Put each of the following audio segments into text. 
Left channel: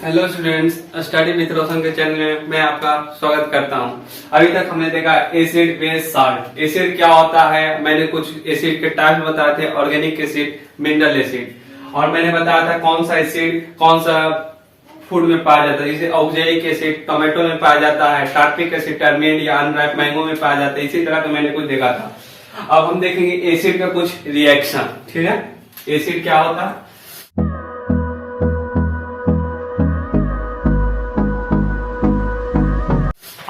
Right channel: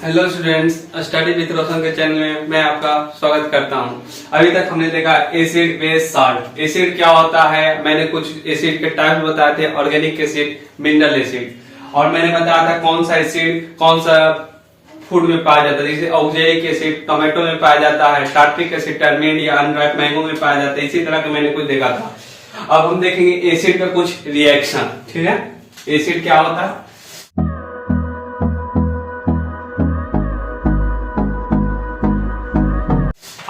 Hello students, study with रोशन के channel में मैं आपका स्वागत करता हूं। अभी तक हमने देखा एसिड बेस साल्ट। एसिड क्या होता है, मैंने कुछ एसिड के टाइप बताए थे, ऑर्गेनिक एसिड, मिनरल एसिड, और मैंने बताया था कौन सा एसिड कौन सा फूड में पाया जाता है। जैसे ऑक्जेलिक एसिड टोमेटो में पाया जाता है, टार्ट्रिक एसिड टर्मेंट या अनराइप मैंगो में पाया जाता है। इसी तरह का मैंने कुछ देखा था। अब हम देखेंगे एसिड का कुछ रिएक्शन। ठीक है, एसिड क्या होता है।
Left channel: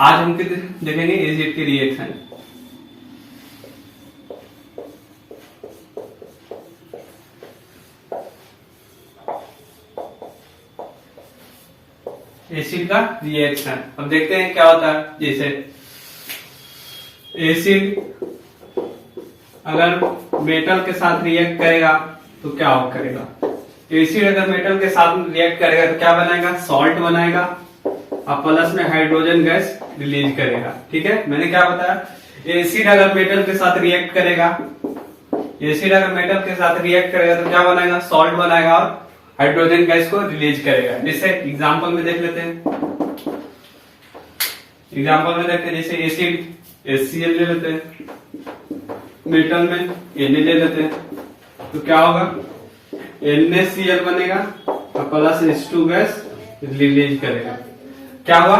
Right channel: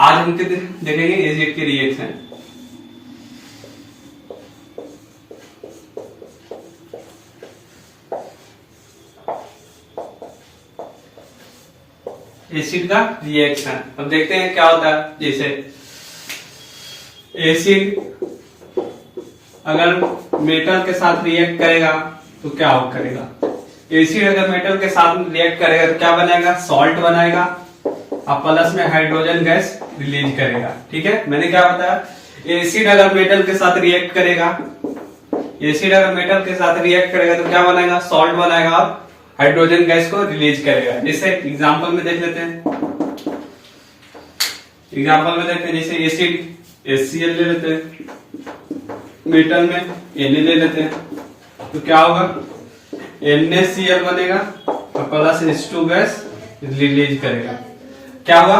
आज हम देखेंगे एसिड के रिएक्शन। एसिड का रिएक्शन अब देखते हैं क्या होता है। जैसे एसिड अगर मेटल के साथ रिएक्ट करेगा तो क्या करेगा। एसिड अगर मेटल के साथ रिएक्ट करेगा तो क्या बनाएगा, सॉल्ट बनाएगा और प्लस में हाइड्रोजन गैस रिलीज करेगा। ठीक है, मैंने क्या बताया, एसिड अगर मेटल के साथ रिएक्ट करेगा, एसिड अगर मेटल के साथ रिएक्ट करेगा तो क्या बनाएगा, सॉल्ट बनाएगा और हाइड्रोजन गैस को रिलीज करेगा। जैसे एग्जांपल में देख लेते हैं। एग्जांपल में देखते हैं, जैसे एसिड HCl ले लेते हैं, मेटल में Na ले लेते हैं, तो क्या होगा, NaCl बनेगा और प्लस H2 गैस रिलीज करेगा। क्या हुआ,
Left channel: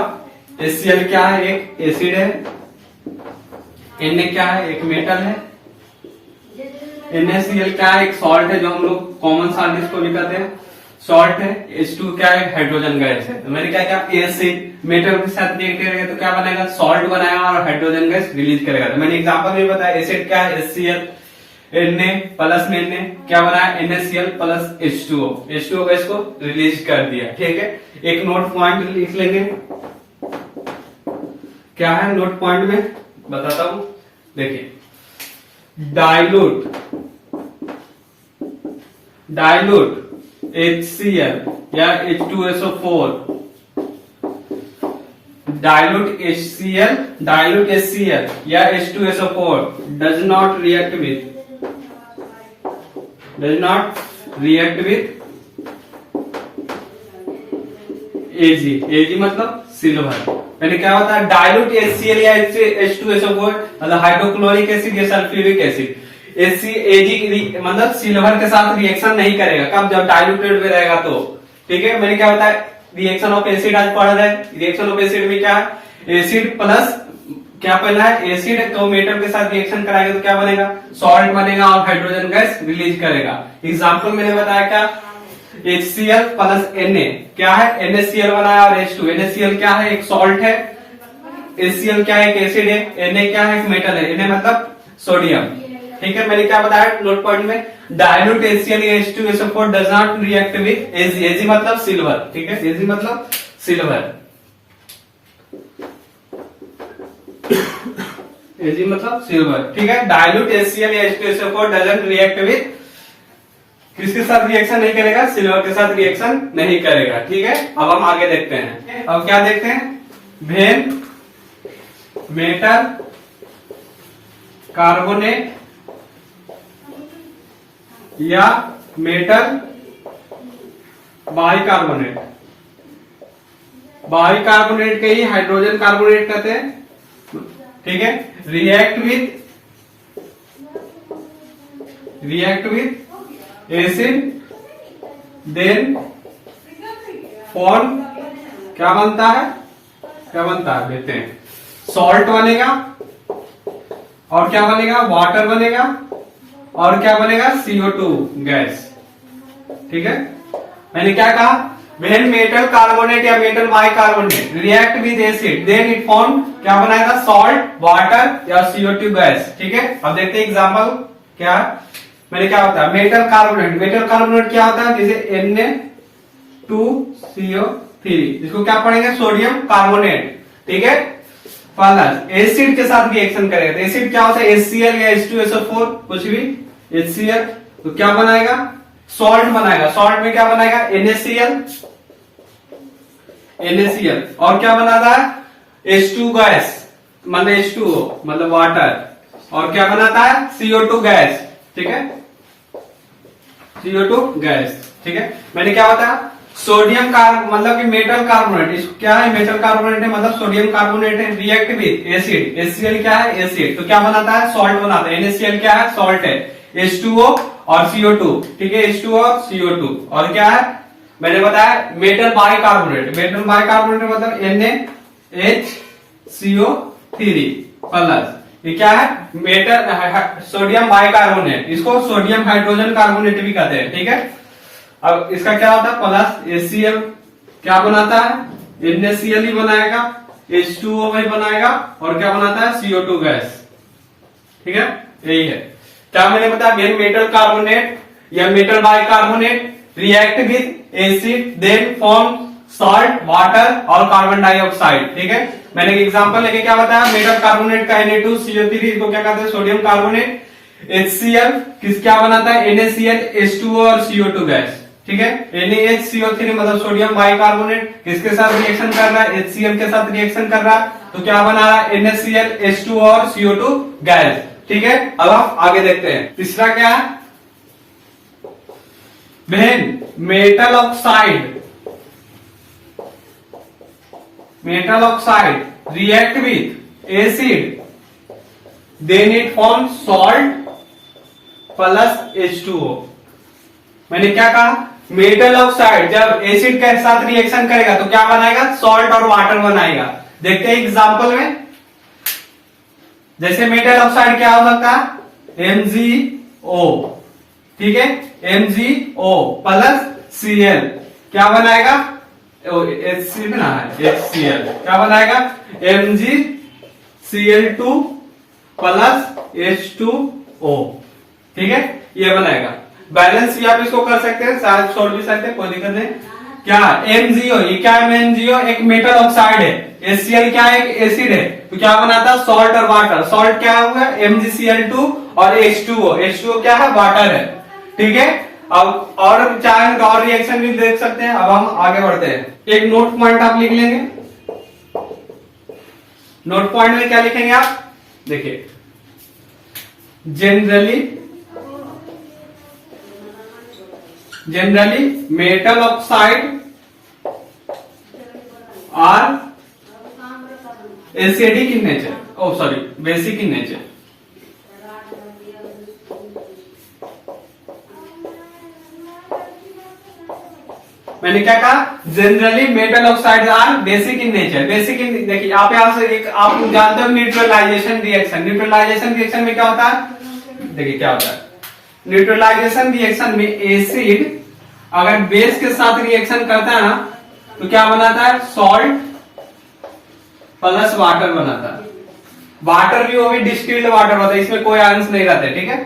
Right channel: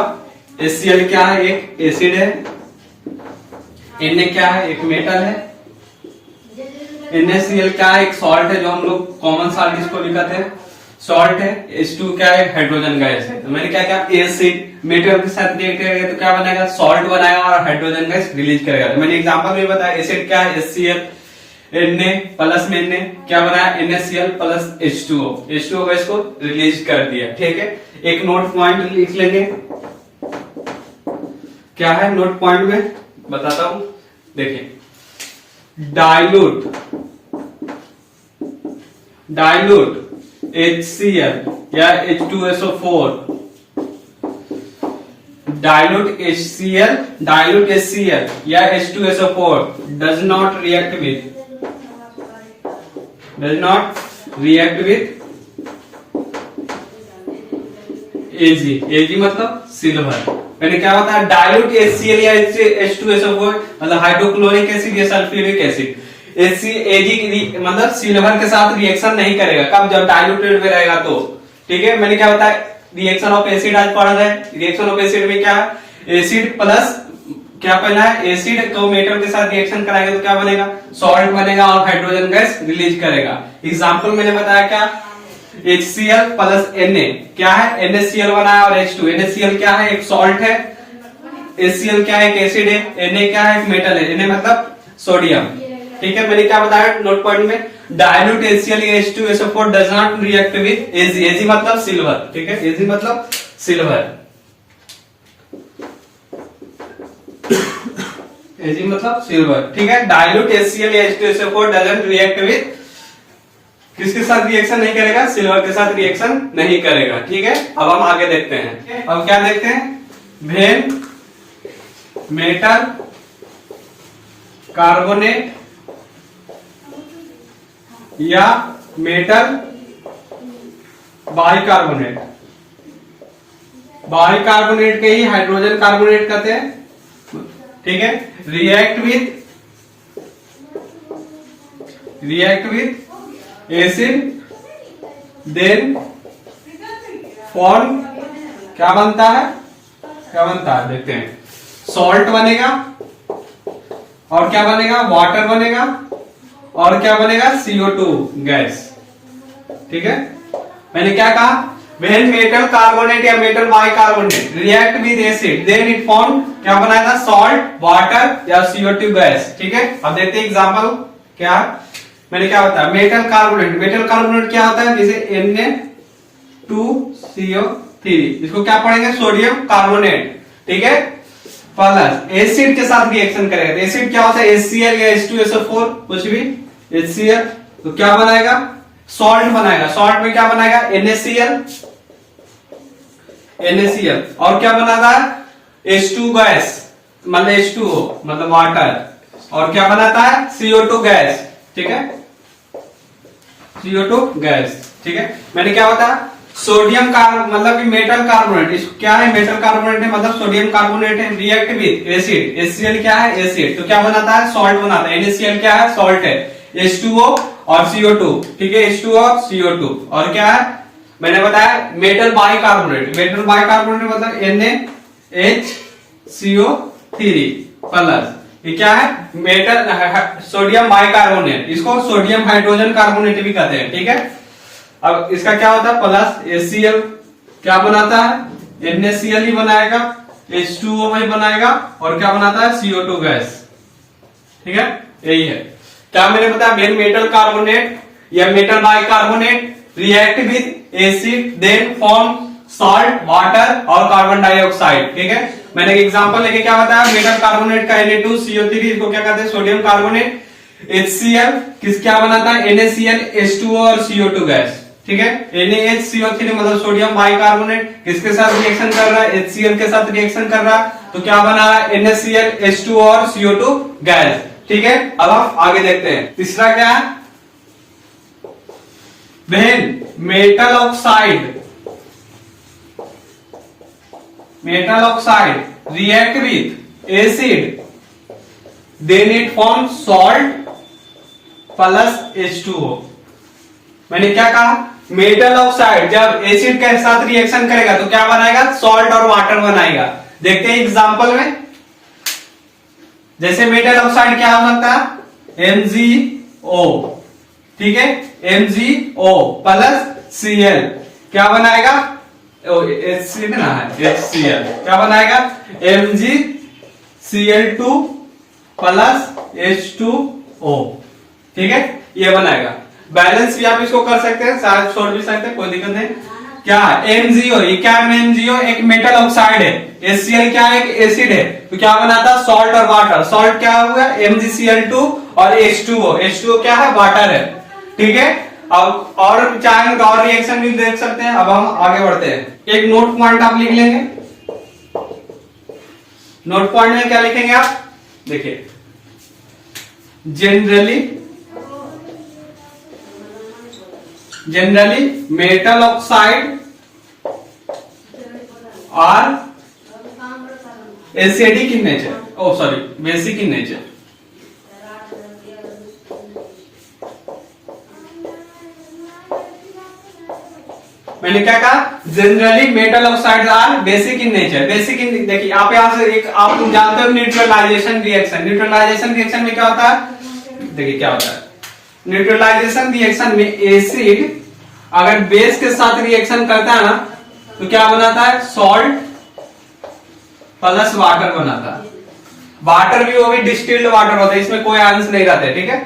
HCl क्या है, एक एसिड है, Na क्या है, एक मेटल है, NaCl क्या है, एक सॉल्ट है, जो हम लोग कॉमन सॉल्ट इसको लिखते हैं, सॉल्ट है। H2 क्या है, हाइड्रोजन गैस है। तो मैंने क्या किया, एसिड मेटल के साथ रिएक्ट करेगा तो क्या बनाएगा, सॉल्ट बनाएगा और हाइड्रोजन गैस रिलीज करेगा। तो मैंने एग्जांपल में बताया, एसिड क्या है, HCl, Na प्लस में Na क्या बनाया, NaCl प्लस H2O गैस को रिलीज कर दिया। ठीक है, एक नोट पॉइंट लिख लेंगे। क्या है नोट पॉइंट में, बताता हूं। देखिए, डाइल्यूट HCl या H2SO4, डाइल्यूट HCl या H2SO4 does not react with Ag मतलब सिल्वर। मैंने क्या बताया, डाइल्यूट HCl या H2SO4 मतलब हाइड्रोक्लोरिक एसिड या सल्फ्यूरिक एसिड। Ag मतलब सिल्वर के साथ रिएक्शन नहीं करेगा, कब, जब डाइल्यूटेड में रहेगा तो। ठीक है, मैंने क्या बताया, रिएक्शन ऑफ एसिड आज पढ़ा है। रिएक्शन ऑफ एसिड में क्या है, एसिड प्लस क्या पहला है, एसिड को मेटल के साथ रिएक्शन कराएगा तो क्या बनेगा, सॉल्ट बनेगा और हाइड्रोजन गैस रिलीज करेगा। एग्जांपल मैंने बताया क्या, HCl प्लस Na क्या है, NaCl बनाया और H2। NaCl क्या है, एक सॉल्ट है, HCl क्या है, एक एसिड है, Na क्या है, एक मेटल है, Na मतलब सोडियम। ठीक है, मैंने क्या बताया नोट पॉइंट में, डाइल्यूट HCl या H2SO4 does not react with Ag। Ag मतलब सिल्वर। ठीक है, Ag मतलब सिल्वर, Ag मतलब सिल्वर। ठीक है, डाइल्यूट HCl या H2SO4 डजंट रिएक्ट विद, किसके साथ रिएक्शन नहीं करेगा, सिल्वर के साथ रिएक्शन नहीं करेगा। ठीक है, अब हम आगे देखते हैं। अब क्या देखते हैं, व्हेन मेटल कार्बोनेट या मेटल बाइकार्बोनेट, बाइकार्बोनेट के ही हाइड्रोजन कार्बोनेट कहते हैं। ठीक है, react with acid then form क्या बनता है, देखते हैं, सॉल्ट बनेगा और क्या बनेगा, वाटर बनेगा और क्या बनेगा, CO2 गैस। ठीक है, मैंने क्या कहा, व्हेन मेटल कार्बोनेट या metal bicarbonate react with acid then it form क्या बनाएगा, सॉल्ट, वाटर या CO2 गैस। ठीक है, अब देखते हैं एग्जांपल क्या है। मैंने क्या बताया, मेटल कार्बोनेट क्या होता है, जैसे Na2CO3, इसको क्या पढ़ेंगे, सोडियम कार्बोनेट। ठीक है, प्लस एसिड के साथ रिएक्शन करेगा तो एसिड क्या होता है, HCl या H2SO4 कुछ भी, HCl तो क्या बनाएगा, सॉल्ट बनाएगा। सॉल्ट में क्या बनाएगा, NaCl और क्या बनाता है, H2 गैस मतलब H2O मतलब वाटर, और क्या बनाता है, CO2 गैस। ठीक है, CO2 गैस। ठीक है, मैंने क्या बताया, सोडियम मतलब कि मेटल कार्बोनेट, इसको क्या है, मेटल कार्बोनेट है मतलब सोडियम कार्बोनेट है, रिएक्ट विद एसिड, HCl क्या है, एसिड, तो क्या बनाता है, सॉल्ट बनाता है, NaCl क्या है, सॉल्ट है, H2O और CO2, ठीक है, H2O और CO2, और क्या है, मैंने बताया मेटल बाइकार्बोनेट, मेटल बाइकार्बोनेट मतलब NaHCO3 प्लस, ये क्या है, मेटल सोडियम बाइकार्बोनेट, इसको सोडियम हाइड्रोजन कार्बोनेट भी कहते हैं, ठीक है। अब इसका क्या होता है, प्लस HCl क्या बनाता है, NaCl ही बनाएगा, H2O भी बनाएगा, और क्या बनाता है, CO2 गैस, ठीक है, यही है। क्या मैंने बताया, वेन मेटल कार्बोनेट या metal bicarbonate react with acid then form salt, water और कार्बन डाइऑक्साइड, ठीक है। मैंने एक एग्जांपल लेके क्या बताया, मेटल कार्बोनेट का Na2CO3, इसको क्या कहते हैं, सोडियम कार्बोनेट, HCl क्या बनाता है, NaCl, H2O और CO2 गैस, ठीक है। NaHCO3 मतलब सोडियम बाइकार्बोनेट किसके साथ रिएक्शन कर रहा है, HCl के साथ रिएक्शन कर रहा है, तो क्या बना रहा है, NaCl, H2O और CO2 गैस, ठीक है। अब हम आगे देखते हैं, तीसरा क्या है, when metal oxide react with acid then it form salt plus H2O। मैंने क्या कहा, मेटल ऑक्साइड जब एसिड के साथ रिएक्शन करेगा तो क्या बनाएगा, सॉल्ट और वाटर बनाएगा। देखते हैं एग्जांपल में, जैसे मेटल ऑक्साइड क्या हो सकता है, MgO, ठीक है, MgO प्लस Cl क्या बनाएगा, HCl क्या बनाएगा, MgCl2 प्लस H2O, ठीक है, ये बनाएगा। बैलेंस भी आप इसको कर सकते हैं, शायद छोड़ भी सकते हैं, कोई दिक्कत नहीं। क्या MgO, ये क्या है, MgO एक मेटल ऑक्साइड है, HCl क्या है, एक एसिड है, तो क्या बनाता है, सॉल्ट और वाटर, सॉल्ट क्या हुआ, MgCl2 और H2O, H2O क्या है, वाटर है, ठीक है। अब और चाहे और रिएक्शन भी देख सकते हैं। अब हम आगे बढ़ते हैं, एक नोट पॉइंट आप लिख लेंगे। नोट पॉइंट में क्या लिखेंगे आप, देखिए, generally metal oxide are acidic in nature, oh sorry basic in nature, मैंने क्या कहा, generally metal oxide are basic in nature, basic in, देखिए यहां से एक आप जानते हो न्यूट्रलाइजेशन रिएक्शन, न्यूट्रलाइजेशन रिएक्शन में क्या होता है, देखिए क्या होता है, न्यूट्रलाइजेशन रिएक्शन में एसिड अगर बेस के साथ रिएक्शन करता है ना तो क्या बनाता है, सॉल्ट प्लस वाटर बनाता है, वाटर भी वो भी डिस्टिल्ड वाटर होता है, इसमें कोई आयंस नहीं रहते, ठीक है।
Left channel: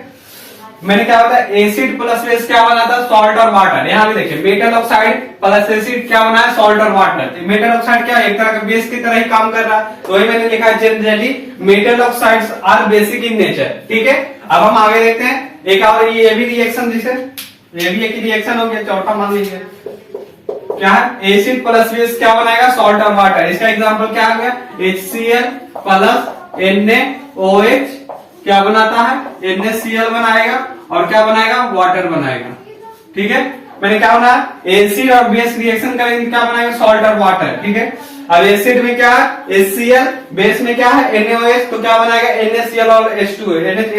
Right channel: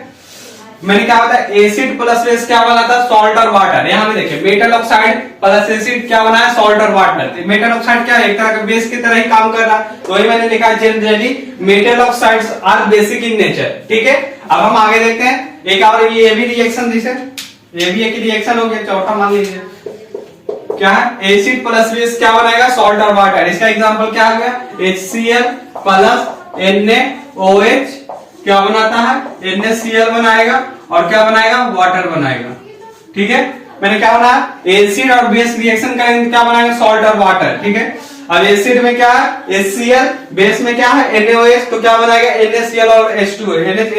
मैंने क्या होता है, एसिड प्लस बेस क्या बनाता है, सॉल्ट और वाटर। यहां भी देखिए, मेटल ऑक्साइड प्लस एसिड क्या बनाया, सॉल्ट और वाटर। मेटल ऑक्साइड क्या है, एक तरह का बेस की तरह ही काम कर रहा है, तो वही मैंने लिखा है, generally metal oxides are basic in nature, ठीक है। अब हम आगे देखते हैं, एक और ये भी रिएक्शन, जैसे ये भी एक रिएक्शन हो गया, चौथा मान लीजिए क्या है, एसिड प्लस बेस क्या बनाएगा, सॉल्ट और वाटर। इसका एग्जांपल क्या हो गया, HCl प्लस NaOH क्या बनाता है, NaCl बनाएगा और क्या बनाएगा, वाटर बनाएगा, ठीक है। मैंने क्या बनाया, एसिड और बेस रिएक्शन करेंगे क्या बनाएगा, सॉल्ट और वाटर, ठीक है। अब एसिड में क्या है, HCl, बेस में क्या है, NaOH, तो क्या बनाएगा, NaCl और H2O।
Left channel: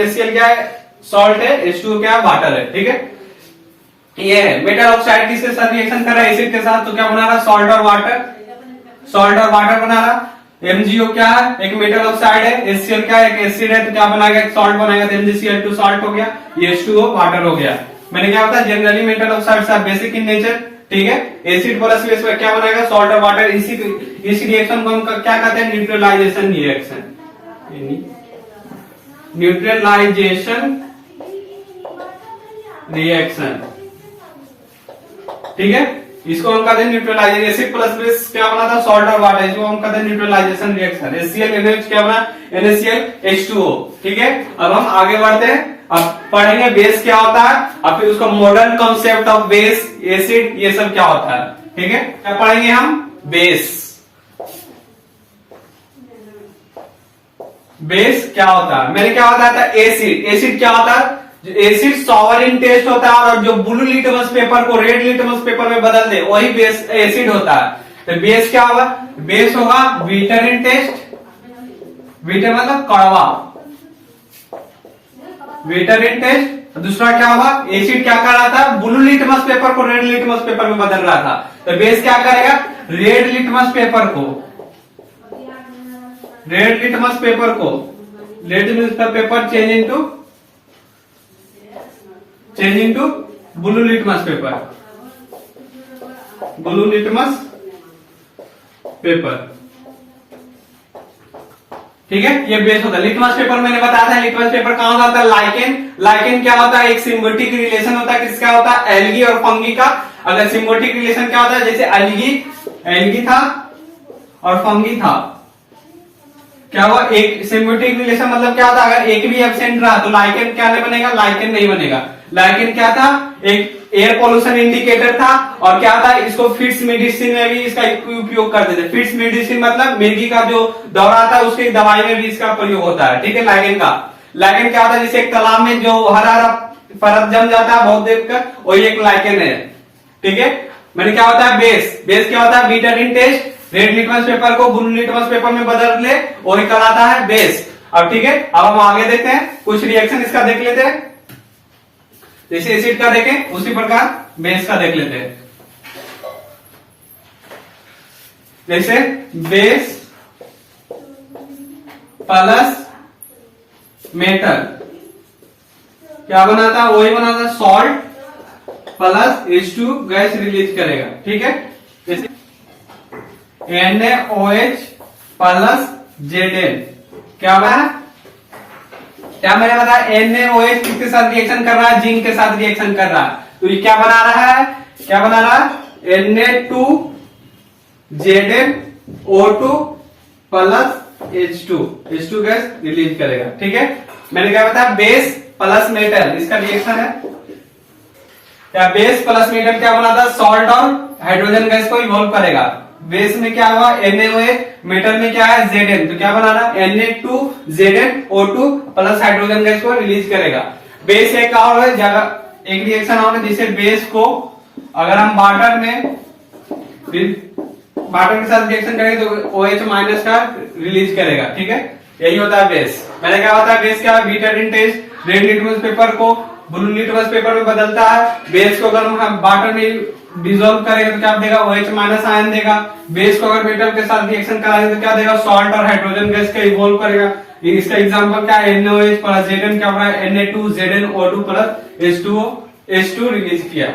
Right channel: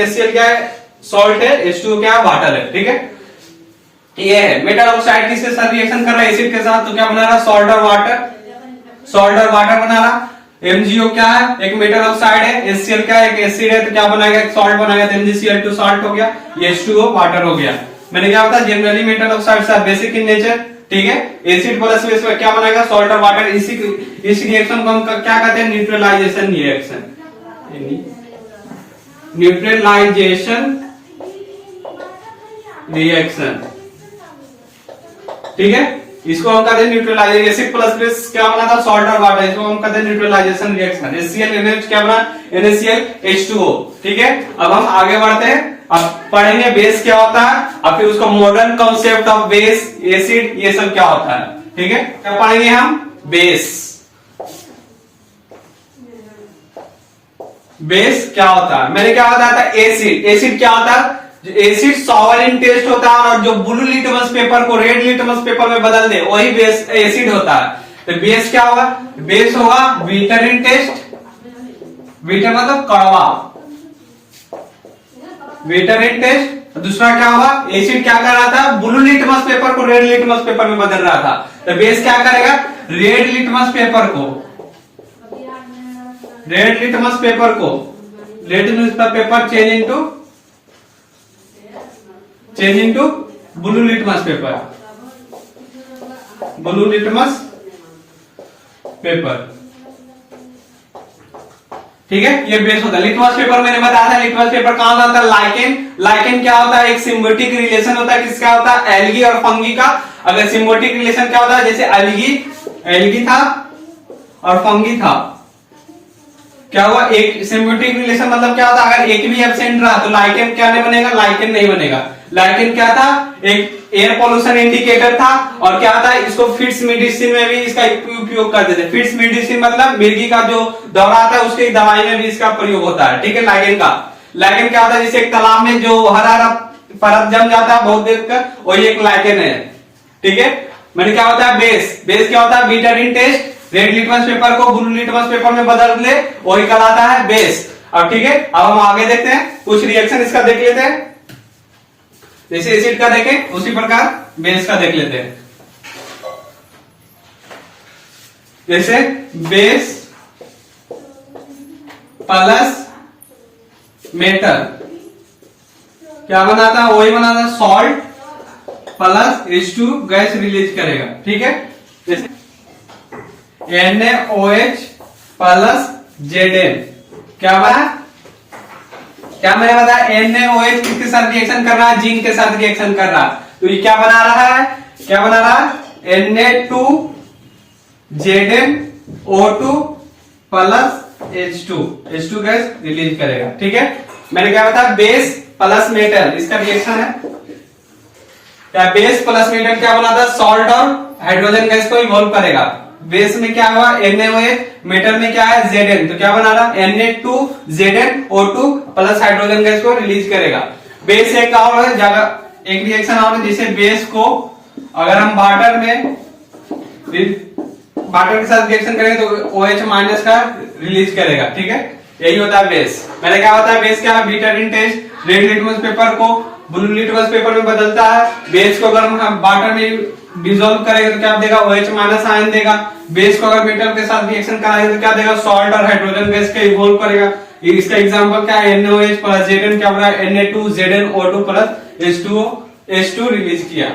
HCl क्या है, सॉल्ट है, H2O क्या है, वाटर है, ठीक है। ये है मेटल ऑक्साइड किसके साथ रिएक्शन कर रहा है, एसिड के साथ, तो क्या बना रहा, सॉल्ट और वाटर, सॉल्ट और वाटर बना रहा। MgO क्या है, एक मेटल ऑक्साइड है, HCl क्या है, एक एसिड है, तो क्या बनाएगा, एक सॉल्ट बनाएगा, तो MgCl2 सॉल्ट हो गया, ये H2O वाटर हो गया। मैंने क्या बताया, generally metal oxides are basic in nature, ठीक है। एसिड प्लस बेस में क्या बनाएगा, सॉल्ट और वाटर। इस रिएक्शन को हम क्या कहते हैं, न्यूट्रलाइजेशन रिएक्शन, न्यूट्रलाइजेशन रिएक्शन, ठीक है। इसको हम कहते हैं न्यूट्रलाइजेशन। एसिड प्लस बेस क्या बना था, सॉल्ट और वाटर, इसको हम कहते हैं न्यूट्रलाइजेशन रिएक्शन। HCl NaOH क्या बना, NaCl H2O, ठीक है। अब हम आगे बढ़ते हैं, अब पढ़ेंगे बेस क्या होता है, अब फिर उसका modern concept of base, acid, ये सब क्या होता है, ठीक है। क्या पढ़ेंगे हम, बेस। बेस क्या होता है, मैंने क्या बताया था, एसिड। एसिड क्या होता है, एसिड सॉवरिन टेस्ट होता है और जो ब्लू लिटमस पेपर को रेड लिटमस पेपर में बदल दे वही बेस एसिड होता है। तो बेस क्या होगा? बेस होगा विटरिन टेस्ट, विटर मतलब कड़वा, विटरिन टेस्ट। दूसरा क्या होगा? एसिड क्या कर रहा था? ब्लू लिटमस पेपर को रेड लिटमस पेपर में बदल रहा था। तो बेस क्या करेगा? रेड लिटमस पेपर को, रेड लिटमस पेपर को, litmus paper change into blue litmus paper, blue litmus paper. ठीक है, ये बेस होता है। लिटमस पेपर मैंने बताया था, लिटमस पेपर कहां आता है? लाइकेन। लाइकेन क्या होता है? एक सिम्बियोटिक रिलेशन होता है, किसका होता है? एल्गी और फंगी का। अगर सिम्बियोटिक रिलेशन क्या होता है? जैसे एल्गी था और फंगी था, क्या हुआ? एक सिम्बियोटिक रिलेशन मतलब क्या होता है? अगर एक भी एब्सेंट रहा तो लाइकेन क्या नहीं बनेगा? लाइकेन नहीं बनेगा। लाइकेन क्या था? एक एयर पोल्यूशन इंडिकेटर था। और क्या था? इसको फिट्स मेडिसिन में भी इसका उपयोग करते थे। फिट्स मेडिसिन मतलब मिर्गी का जो दौरा आता है उसकी दवाई में भी इसका प्रयोग होता है। ठीक है, लाइकेन का। लाइकेन क्या होता है? जैसे एक तालाब में जो हरा हरा परत जम जाता है बहुत देर तक, वही एक लाइकेन है। ठीक है, मैंने क्या होता है? बेस। बेस क्या होता है? विटरिन टेस्ट, रेड लिटमस पेपर को ब्लू लिटमस पेपर में बदल ले, वही कहलाता है बेस। अब ठीक है, अब हम आगे देखते हैं, कुछ रिएक्शन इसका देख लेते हैं। जैसे एसिड का देखें उसी प्रकार बेस का देख लेते हैं। जैसे बेस प्लस मेटल क्या बनाता है? वही बनाता है salt plus H2 gas release करेगा। ठीक है, जैसे NaOH प्लस Zn क्या बना? क्या मैंने बताया? NaOH किसके साथ रिएक्शन कर रहा है? जिंक के साथ रिएक्शन कर रहा है। तो ये क्या बना रहा है? क्या बना रहा है? Na2ZnO2 plus H2 gas release करेगा। ठीक है, मैंने क्या बताया? बेस प्लस मेटल, इसका रिएक्शन है क्या? बेस प्लस मेटल क्या बनाता है? सॉल्ट और हाइड्रोजन गैस को इवॉल्व करेगा। बेस में क्या हुआ? NaOH, मेटल में क्या है? Zn। तो क्या बना रहा? Na2ZnO2 प्लस हाइड्रोजन गैस को रिलीज करेगा। बेस एक और है, एक रिएक्शन और है, जिसे बेस को अगर हम वाटर के साथ रिएक्शन करेंगे तो OH माइनस का रिलीज करेगा। ठीक है, यही होता है बेस। मैंने क्या बताया? बेस क्या है? विटरिन टेस्ट, रेड लिटमस पेपर को ब्लू लिटमस पेपर में बदलता है। बेस को अगर हम वाटर में डिसॉल्व करेंगे तो क्या देगा? OH माइनस आयन देगा। बेस को अगर मेटल के साथ रिएक्शन कराएंगे तो क्या देगा? सॉल्ट और हाइड्रोजन गैस का इवॉल्व करेगा। इसका एग्जांपल क्या है? NaOH प्लस Zn क्या बना? Na2ZnO2 प्लस H2 रिलीज किया।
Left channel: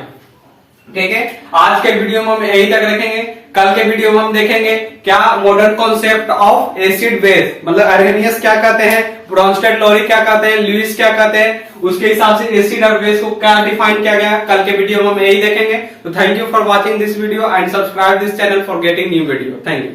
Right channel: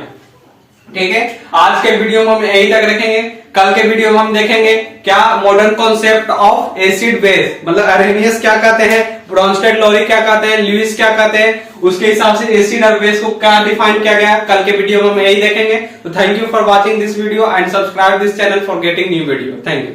ठीक है, आज के वीडियो में हम यही तक रखेंगे। कल के वीडियो में हम देखेंगे क्या modern concept of acid base, मतलब अरेनियस क्या कहते हैं, ब्रॉन्स्टेड लोरी क्या कहते हैं, लुईस क्या कहते हैं, उसके हिसाब से एसिड और बेस को क्या डिफाइन किया गया। कल के वीडियो में हम यही देखेंगे। तो thank you for watching this video and subscribe this channel for getting new video. Thank you.